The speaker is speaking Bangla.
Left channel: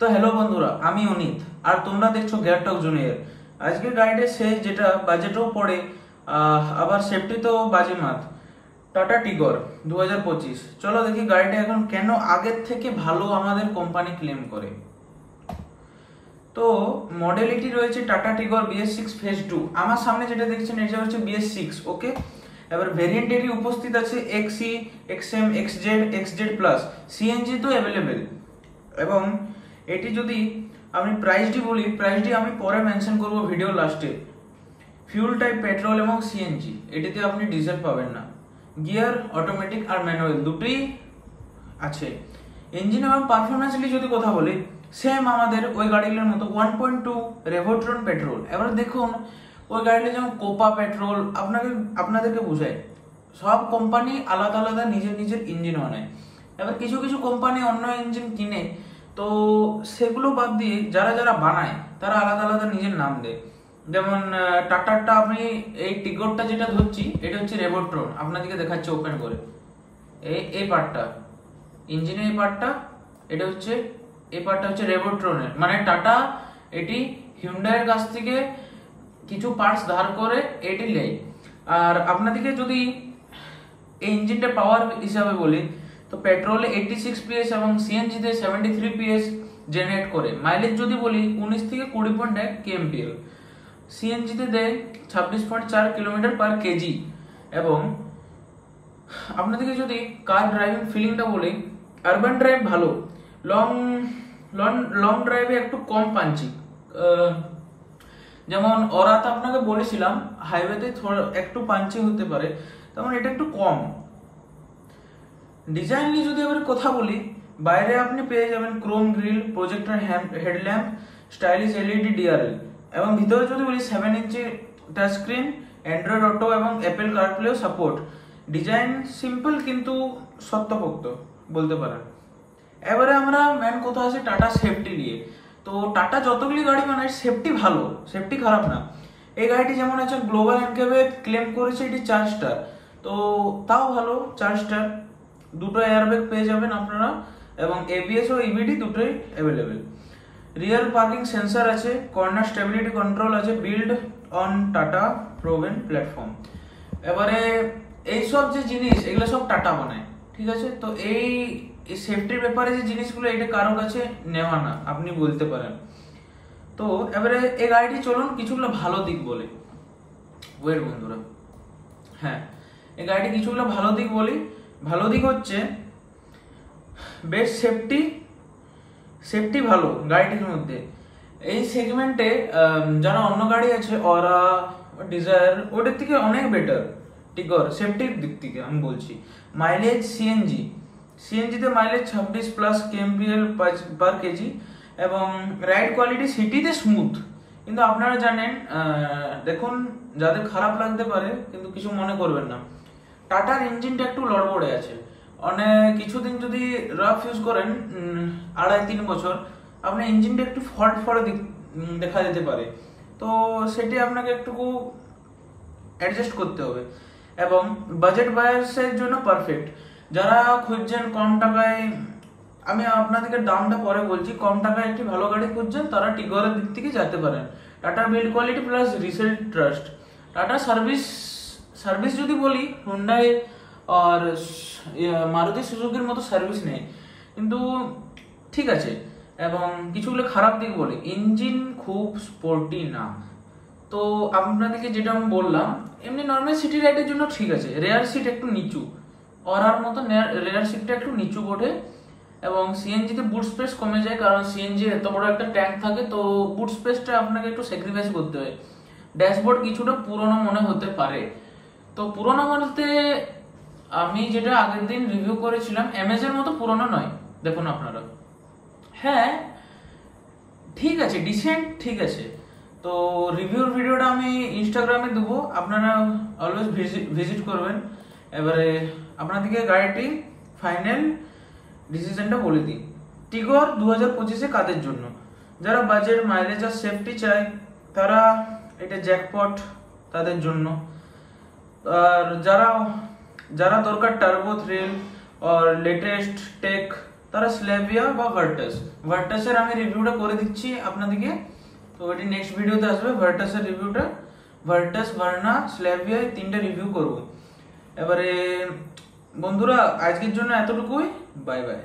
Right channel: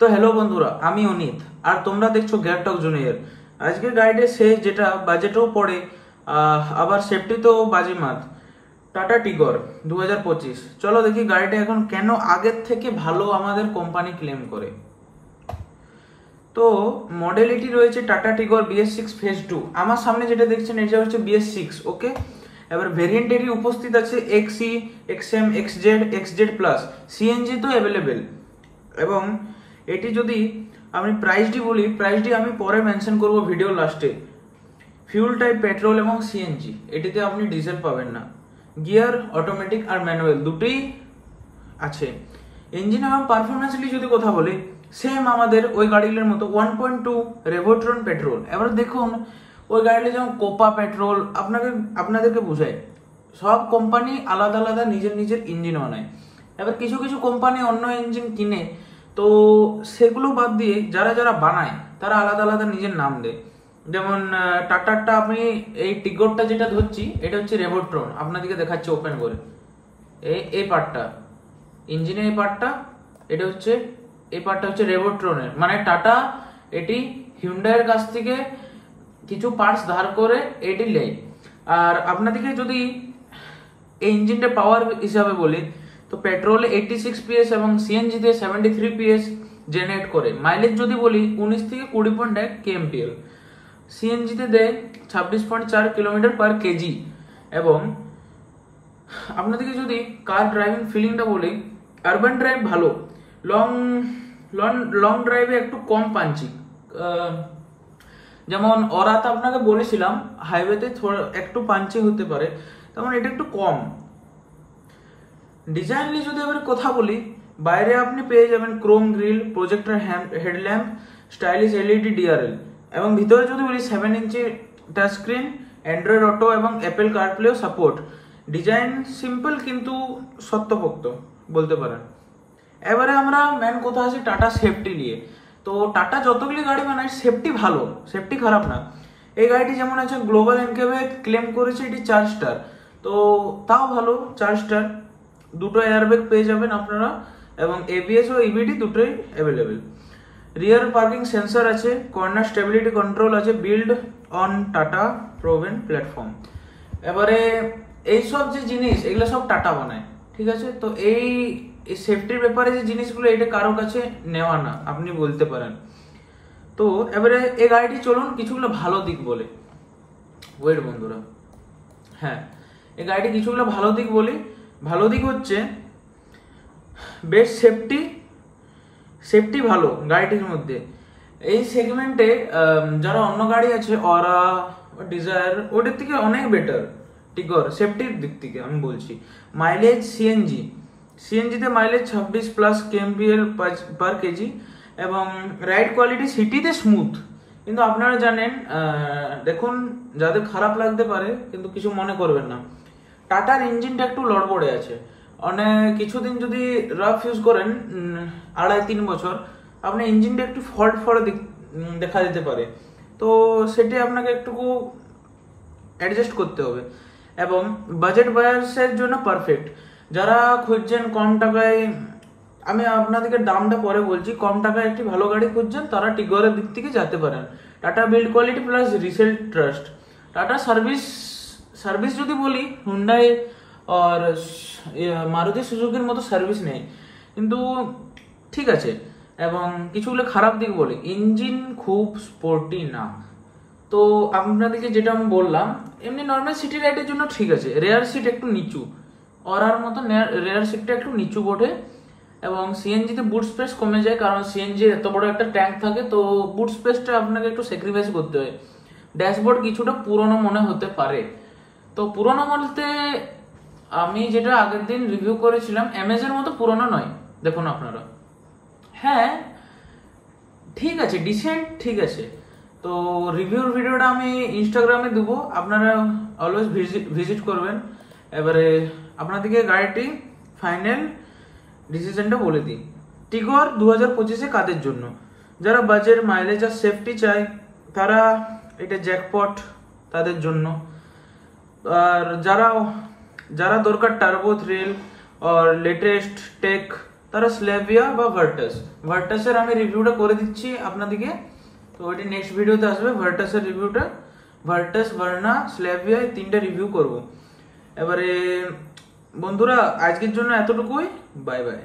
তো হ্যালো বন্ধুরা, আমি অনিত আর তোমরা দেখছো গিয়ার টক জুনিয়র। আজকের গাইডে সে যেটা বাজেটও পড়ে আবার সেফটিতেও বাজিমাত, টাটা টিগর 2025। চলো দেখি গাড়িটা এখন কেন আগের থেকে ভালো আমাদের কোম্পানি ক্লেম করে। তো মডেলিটি রয়েছে টাটা টিগর BS6 ফেজ 2। আমার সামনে যেটা দেখছেন এটা হচ্ছে BS6। ওকে, এবার ভেরিয়েন্টেরই উপস্থিত আছে XE, XM, XZ, XZ plus. CNG তো অ্যাভেলেবেল। এবং এটি যদি আমি প্রাইসটি বলি, প্রাইসটি আমি পরে মেনশন করব ভিডিও লাস্টে। ফিউল টাইপ পেট্রোল এবং সিএনজি, এটিতে আপনি ডিজেল পাবেন না। গিয়ার অটোমেটিক আর ম্যানুয়াল দুটোই আছে। ইঞ্জিন এবং পারফরমেন্সটি যদি কথা বলি, সেম আমাদের ওই গাড়িগুলোর মতো 1.2 রেভোট্রন পেট্রোল। এবার দেখুন ওই গাড়িটা যেমন কোপা পেট্রোল, আপনাদেরকে বোঝায় সব কোম্পানি আলাদা আলাদা নিজের নিজের ইঞ্জিন বানায়। এবার কিছু কিছু কোম্পানি অন্য ইঞ্জিন কিনে, তো সেগুলো বাদ দিয়ে যারা যারা বানায় তারা আলাদা আলাদা নিজের নাম দেয়। যেমন টাটারটা, আপনি এই টিগরটা যেটা ধরছি এটা হচ্ছে রেভোট্রন, আপনাদেরকে দেখাচ্ছে ওপেন করে। এই পার্টটা ইঞ্জিনের, এই পার্টটা এটা হচ্ছে, এই পার্টটা হচ্ছে রেভোট্রনের। মানে টাটা এটি হিউন্ডাইয়ের কাছ থেকে কিছু পার্টস ধার করে এটি নেয়। আর আপনাদেরকে যদি এই ইঞ্জিনটা পাওয়ার হিসাবে বলি, তো পেট্রোল 86 PS এবং সিএনজি তে 73 PS জেনারেট করে। মাইলেজ যদি বলি 19 থেকে 20.1 kmpl, সিএনজি তে দেয় 26.4 km/kg। এবং আপনাদেরকে যদি কার ড্রাইভিং ফিলিংটা বলি, আরবান ড্রাইভ ভালো, লং লং ড্রাইভে একটু কম পাঞ্চি। যেমন ওরাতে আপনাকে বলেছিলাম হাইওয়েতে একটু পাঞ্চি হতে পারে, তেমন এটা একটু কম। ডিজাইন নিয়ে যদি এবার কথা বলি, বাইরে আপনি পেয়ে যাবেন Chrome grill, projector headlamp, stylish LED DRL. এবং ভিতরে যদি বলি 7 ইঞ্চি টাচ স্ক্রিন, অ্যান্ড্রয়েড অটো এবং অ্যাপেল কারপ্লেও সাপোর্ট। ডিজাইন সিম্পল কিন্তু শক্তপোক্ত বলতে পারেন। এবারে আমরা মেন কথা আছে টাটা সেফটি নিয়ে। তো টাটা যতগুলি গাড়ি বানায় সেফটি ভালো, সেফটি খারাপ না। এই গাড়িটি যেমন আছে গ্লোবাল এনকেবে ক্লেম করেছে এটি 4 স্টার, তো তাও ভালো 4 স্টার। দুটো এয়ারব্যাগ পেয়ে যাবেন আপনারা এবং ABS ও EBD দুটোই অ্যাভেলেবেল। রিয়ার পার্কিং সেন্সর আছে, কর্নার স্টেবিলিটি কন্ট্রোল আছে, build on tata proven platform. এবারে এইসব যে জিনিস এগুলো সব টাটা বানায়, ঠিক আছে। তো এই সেফটির ব্যাপারে যে জিনিসগুলো এটা কারো কাছে নেওয়া না, আপনি বলতে পারেন। তো এবারে এই গাড়িটি চলুন কিছুগুলো ভালো দিক বলে। ওয়েট বন্ধুরা, হ্যাঁ, এই গাড়িটি কিছুগুলো ভালো দিক বলি। ভালো দিক হচ্ছে বেস্ট সেফটি ভালো গাড়িটির মধ্যে। এই সেগমেন্টে যারা অন্য গাড়ি আছে ওরা ডিজায়ার ওটার থেকে অনেক বেটার টিগর সেফটির দিক থেকে আমি বলছি। মাইলেজ সিএনজিতে মাইলেজ 26+ kmpl/kg এবং রাইড কোয়ালিটি সিটিতে স্মুথ। কিন্তু আপনারা জানেন, দেখুন যাদের খারাপ লাগতে পারে কিন্তু কিছু মনে করবেন না, টাটার ইঞ্জিনটা একটু লড়বড়ে আছে। অনেক কিছুদিন যদি রাফ ইউজ করেন 2.5-3 বছর, আপনার ইঞ্জিনটা একটু ফল্ট দেখা যেতে পারে। তো সেটি আপনাকে একটুকু অ্যাডজাস্ট করতে হবে। এবং বাজেট বায়ার্সের জন্য পারফেক্ট। যারা খুঁজছেন কম টাকায়, আমি আপনাদেরকে দামটা পরে বলছি, কম টাকায় একটি ভালো গাড়ি খুঁজছেন তারা টিগরের দিক থেকে যেতে পারেন। Tata build quality plus resale trust. Tata service যদি বলি, হুন্ডাই আর মারুতি সুজুকির মতো সার্ভিস নেই, কিন্তু ঠিক আছে। এবং কিছুগুলো খারাপ দিক বলে, ইঞ্জিন খুব স্পোর্টি না। তো আপনাদেরকে যেটা আমি বললাম, এমনি নর্মাল সিটি রাইডের জন্য ঠিক আছে। রেয়ার সিট একটু নিচু, ওরার মতো রেয়ার সিটটা একটু নিচু বটে। এবং সিএনজিতে বুট স্পেস কমে যায়, কারণ সিএনজি এত বড় একটা ট্যাঙ্ক থাকে, তো বুট স্পেসটা আপনাকে একটু স্যাক্রিফাইস করতে হয়। ড্যাশবোর্ড কিছুটা পুরনো মনে হতে পারে। তো পুরনো বলতে আমি যেটা আগের দিন রিভিউ করেছিলাম এমএজের মতো পুরনো নয়, দেখুন আপনারা। হ্যাঁ ঠিক আছে, ডিসেন্ট ঠিক আছে। তো রিভিউর ভিডিওটা আমি ইনস্টাগ্রামে দেবো, আপনারা অলওয়েজ ভিজিট করবেন। এবারে আপনাদেরকে গাড়িটি ফাইনাল ডিসিশনটা বলে দিই। টিগর 2025-এ কাদের জন্য? যারা বাজেট, মাইলেজ আর সেফটি চায় তারা এটা জ্যাকপট তাদের জন্য। আর যারা দরকার টার্বো থ্রিল আর লেটেস্ট টেক তারা স্ল্যাভিয়া বা ভার্টাস। ভার্টাসের আমি রিভিউটা করে দিচ্ছি আপনাদেরকে, তো এটি নেক্সট ভিডিওতে আসবে ভার্টাসের রিভিউটা। ভার্টাস, ভার্না, স্ল্যাভিয়া এই তিনটা রিভিউ করব। এবারে বন্ধুরা আজকের জন্য এতটুকুই, বাই বাই।